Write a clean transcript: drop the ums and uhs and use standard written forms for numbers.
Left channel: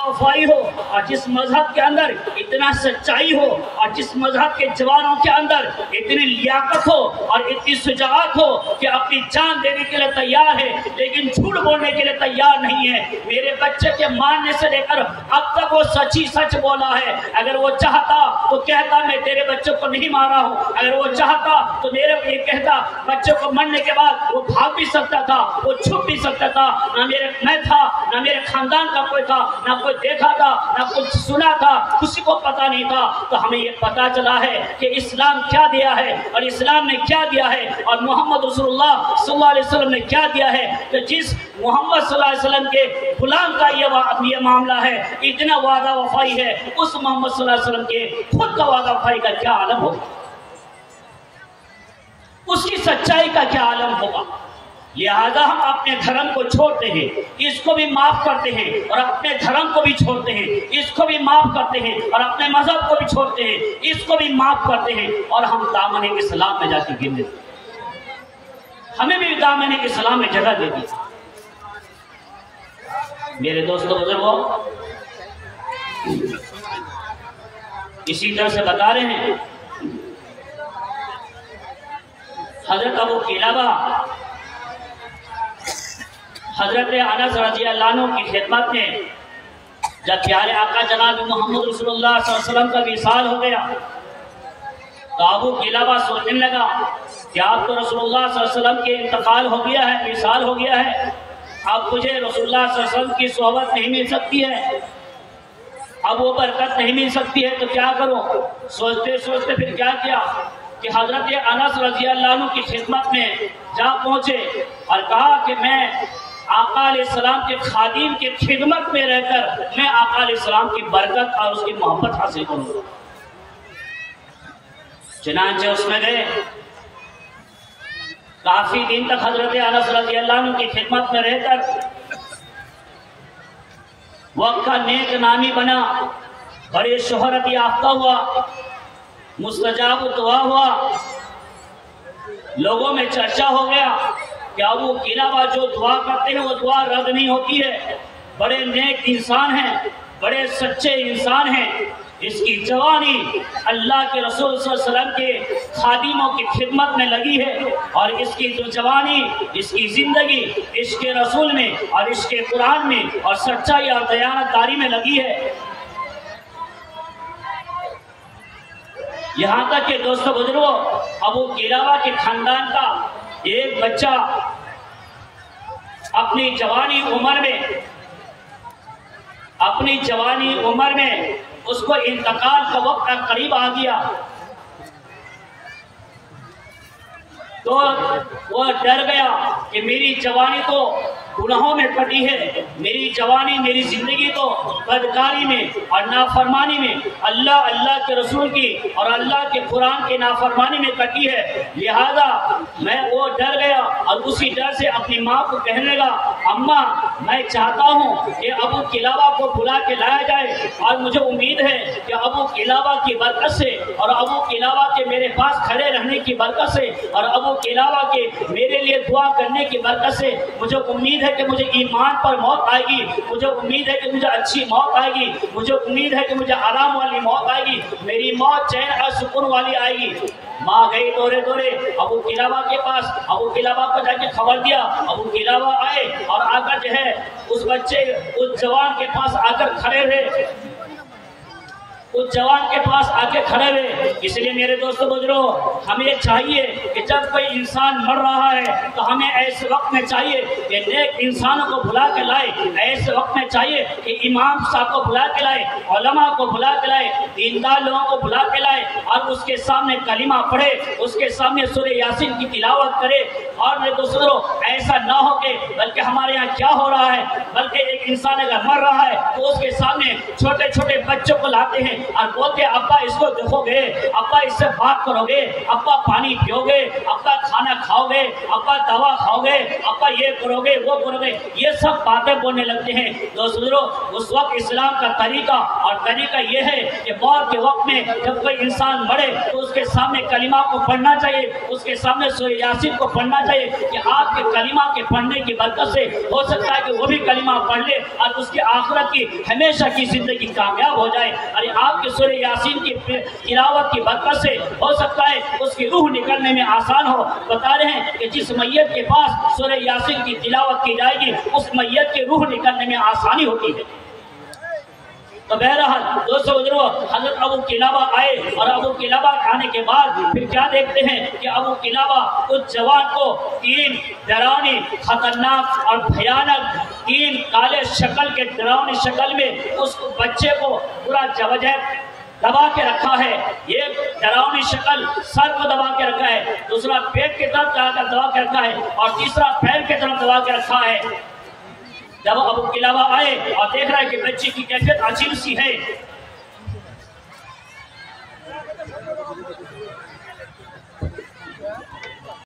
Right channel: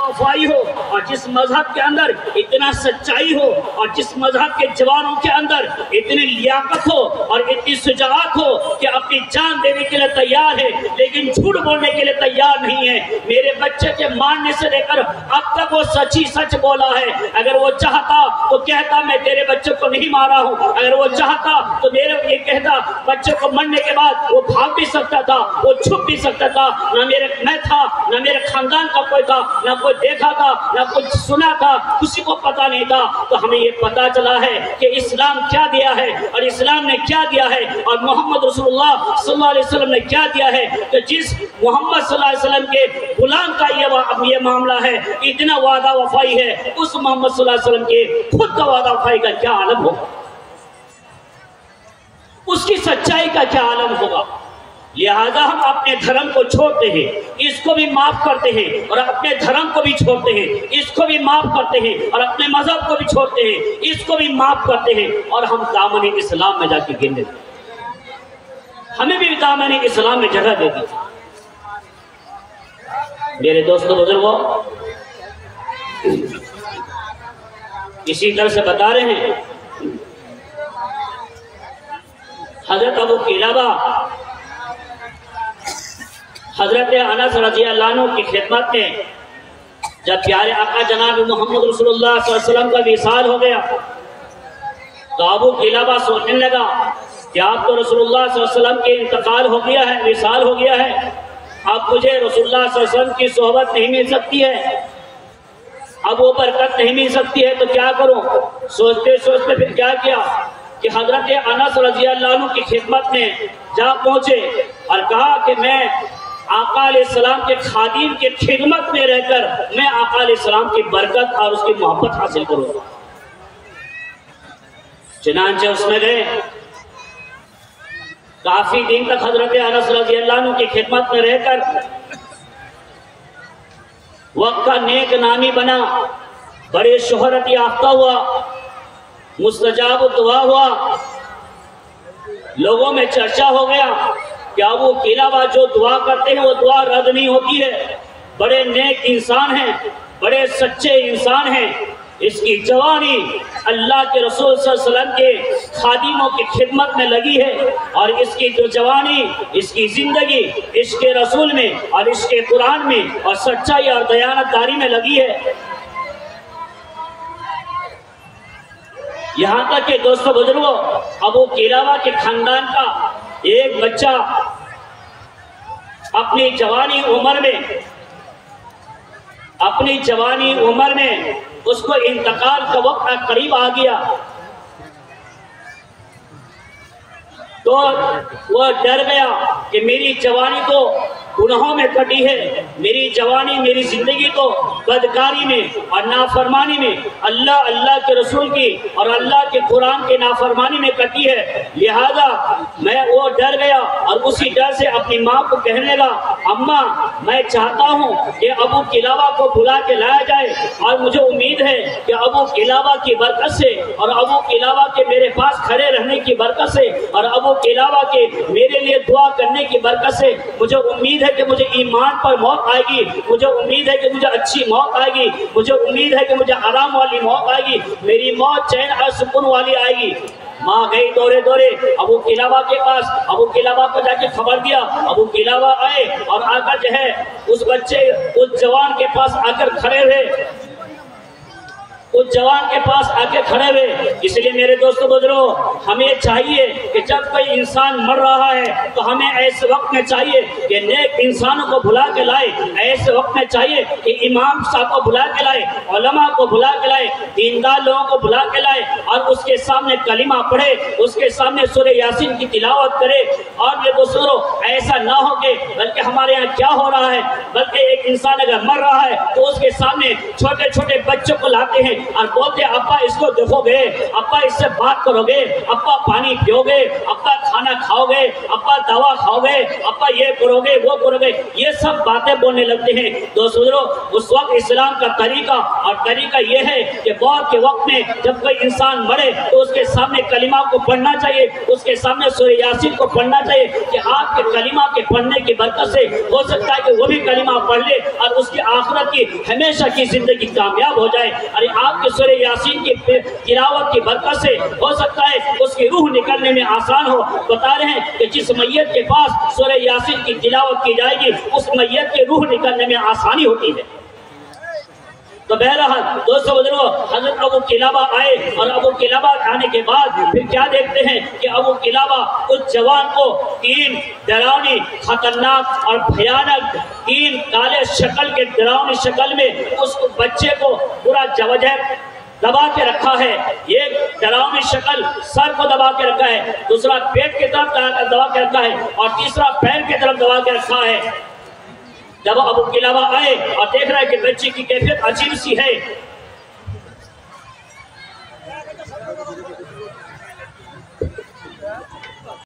वफाई हो और जिस मजहब के अंदर इतना सच्चाई हो और जिस मजहब के जवानों के अंदर इतनी लियाकत हो और इतनी शुजाअत हो कि अपनी जान देने के लिए तैयार है लेकिन झूठ बोलने के लिए तैयार नहीं है। मेरे बच्चे के मारने से लेकर अब तक वो सच ही सच बोला है। अगर वो चाहता तो कहता मैं तेरे बच्चे को नहीं मारा हूँ, अगर वो चाहता तो मेरे ये कहता बच्चे को मरने के बाद वो भाग भी सकता था, वो छुप भी सकता था। ना मैं था, ना मेरे खानदान का कोई था, ना कोई देखा था, ना कुछ सुना था, किसी को पता नहीं था। तो हमें ये पता चला है कि इस्लाम क्या दिया है और इस्लाम ने क्या दिया है और मोहम्मद रसूलुल्लाह सल्लल्लाहु अलैहि वसल्लम ने क्या दिया है। तो जिस मोहम्मद सल्लल्लाहु अलैहि वसल्लम के गुलाम का ये मामला है, इतना वादा वफाई है, उस मोहम्मद सल्लल्लाहु अलैहि वसल्लम के खुद का वादा वफाई का क्या आलम होगा, उसकी सच्चाई का क्या आलम होगा। लिहाजा हम अपने धर्म को छोड़ते हैं, इसको भी माफ करते हैं और अपने धर्म को भी छोड़ते हैं, इसको भी माफ करते हैं और अपने मजहब को भी छोड़ते हैं, इसको भी माफ करते हैं और हम दामन इस्लाम में जाके गिन देते हैं। हमें भी दामन इस्लाम में जगह दे दी। मेरे दोस्तों बुजुर्गों, इसी तरह से बता रहे हैं हजरत अबू किलाबा हजरत अनस रज़ी अल्लाह अन्हु की खिदमत में जब प्यारे आका जनाब मोहम्मद रसूलुल्लाह सल्लल्लाहु अलैहि वसल्लम का विसाल हो गया तो अबू किलाबा सोचने लगा कि अब तो रसूलुल्लाह सल्लल्लाहु अलैहि वसल्लम के इंतकाल हो गया है, विसाल हो गया है, अब मुझे रसूलुल्लाह सल्लल्लाहु अलैहि वसल्लम की सोहबत नहीं मिल सकती है, अब वो बरकत नहीं मिल सकती है, तो क्या करूं। सोचते सोचते फिर क्या किया कि हजरत अनस रज़ी अल्लाह अन्हु की खिदमत में जा पहुंचे और कहा कि मैं आका अलैहिस्सलाम के खादिम के खिदमत में रहकर मैं आका अलैहिस्सलाम की बरकत और उसकी मोहब्बत हासिल करूंगा। चुनांचे उसमें गए, काफी दिन तक हजरत अनस रज़ी अल्लाह अन्हु की खिदमत में रहकर वक्त का नेक नामी बना, बड़े शोहरत याफ्ता हुआ, मुस्तजाब दुआ हुआ, लोगों में चर्चा हो गया कि अबू किलाबा जो दुआ करते हैं वो दुआ रद्द नहीं होती है, बड़े नेक इंसान हैं, बड़े सच्चे इंसान हैं। इसकी जवानी अल्लाह के रसूल सल्लल्लाहु अलैहि वसल्लम के खादिमों की खिदमत में लगी है और इसकी जो जवानी, इसकी जिंदगी इश्क रसूल में और इश्क कुरान में और सच्चाई और दयानतदारी में लगी है। यहाँ तक के दोस्तों बुजुर्गों, अबू किलाबा के खानदान का एक बच्चा अपनी जवानी उम्र में उसको इंतकाल का वक्त करीब आ गया तो वह डर गया कि मेरी जवानी तो गुनाहों में कटी है, मेरी जवानी मेरी जिंदगी तो बदकारी में और नाफरमानी में, अल्लाह के रसूल की और अल्लाह के कुरान के नाफरमानी में कटी है। लिहाजा मैं वो डर गया और उसी डर से अपनी माँ को कहने लगा, अम्मा मैं चाहता हूँ कि अबू किलाबा को बुला के लाया जाए और मुझे उम्मीद है कि अबू किलाबा की बरकत से और अबू किलाबा के मेरे पास खड़े रहने की बरकत से और अबू किलाबा के मेरे लिए दुआ करने की बरकत से मुझे उम्मीद है कि मुझे ईमान पर मौत आएगी, मुझे उम्मीद है कि मुझे अच्छी मौत आएगी, मुझे उम्मीद है कि मुझे आराम वाली मौत आएगी, मेरी मौत चैन और सुकून वाली आएगी। माँ गई दौरे दौरे अबू किलाबा के पास, अबू किलाबा को जाके खबर दिया। अबू किलाबा आए और आकर जो है उस बच्चे उस जवान के पास आकर खड़े हुए, उस जवान के पास आके खड़े हुए। इसलिए मेरे दोस्तों बुजुर्गों, हमें चाहिए कि जब कोई इंसान मर रहा है तो हमें ऐसे वक्त में चाहिए कि नेक इंसानों को बुला के लाए, ऐसे वक्त में चाहिए कि इमाम साहब को बुला के लाए, उलमा को बुला के लाए, दीनदार लोगों को बुला के लाए और उसके सामने कलिमा पढ़े, उसके सामने सूरह यासीन की तिलावत करे। और मेरे दोस्तों, ऐसा ना हो के बल्कि हमारे यहाँ क्या हो रहा है, बल्कि एक इंसान अगर मर रहा है तो उसके सामने छोटे छोटे बच्चों को लाते हैं और बोलते अब्बा इसको देखोगे, अब्बा इससे बात करोगे, अब्बा पानी पियोगे, अब्बा खाना खाओगे, अब्बा दवा खाओगे, अब्बा ये करोगे वो करोगे, ये सब बातें बोलने लगते हैं। दोस्तों उस वक्त इस्लाम का तरीका और तरीका ये है कि मौत के वक्त में जब कोई इंसान मरे तो उसके सामने कलिमा को पढ़ना चाहिए, उसके सामने सूरह यासीन को पढ़ना चाहिए कि आपके कलिमा के पढ़ने की बरकत से हो सकता है कि वो भी कलिमा पढ़ ले और उसकी आखिरत की हमेशा की जिंदगी कामयाब हो जाए। अरे आपके सूरह यासीन की तिलावत की बरकत से हो सकता है उसकी रूह निकलने में आसान हो। बता रहे हैं कि जिस मैयत के पास सूरह यासीन की तिलावत की जाएगी उस मैयत की रूह निकलने में आसानी होती है। तो बहरहाल दोस्तों बुजुर्गों, हजरत अबू किलाबा आए और अबू किलाबा आने के बाद फिर क्या देखते हैं कि अबू किलाबा उस जवान को तीन डरावनी, खतरनाक और भयानक, तीन काले शक्ल के डरावनी शक्ल में उस बच्चे को पूरा जबरदस्त दबा के रखा है। एक डरावनी शक्ल सर को दबा के रखा है, दूसरा पेट की तरफ दबा के रखा है और तीसरा पैर की तरफ दबा के रखा है। जब अबू किलाबा आए और देख रहा है कि बच्चे की कैफियत अजीब सी है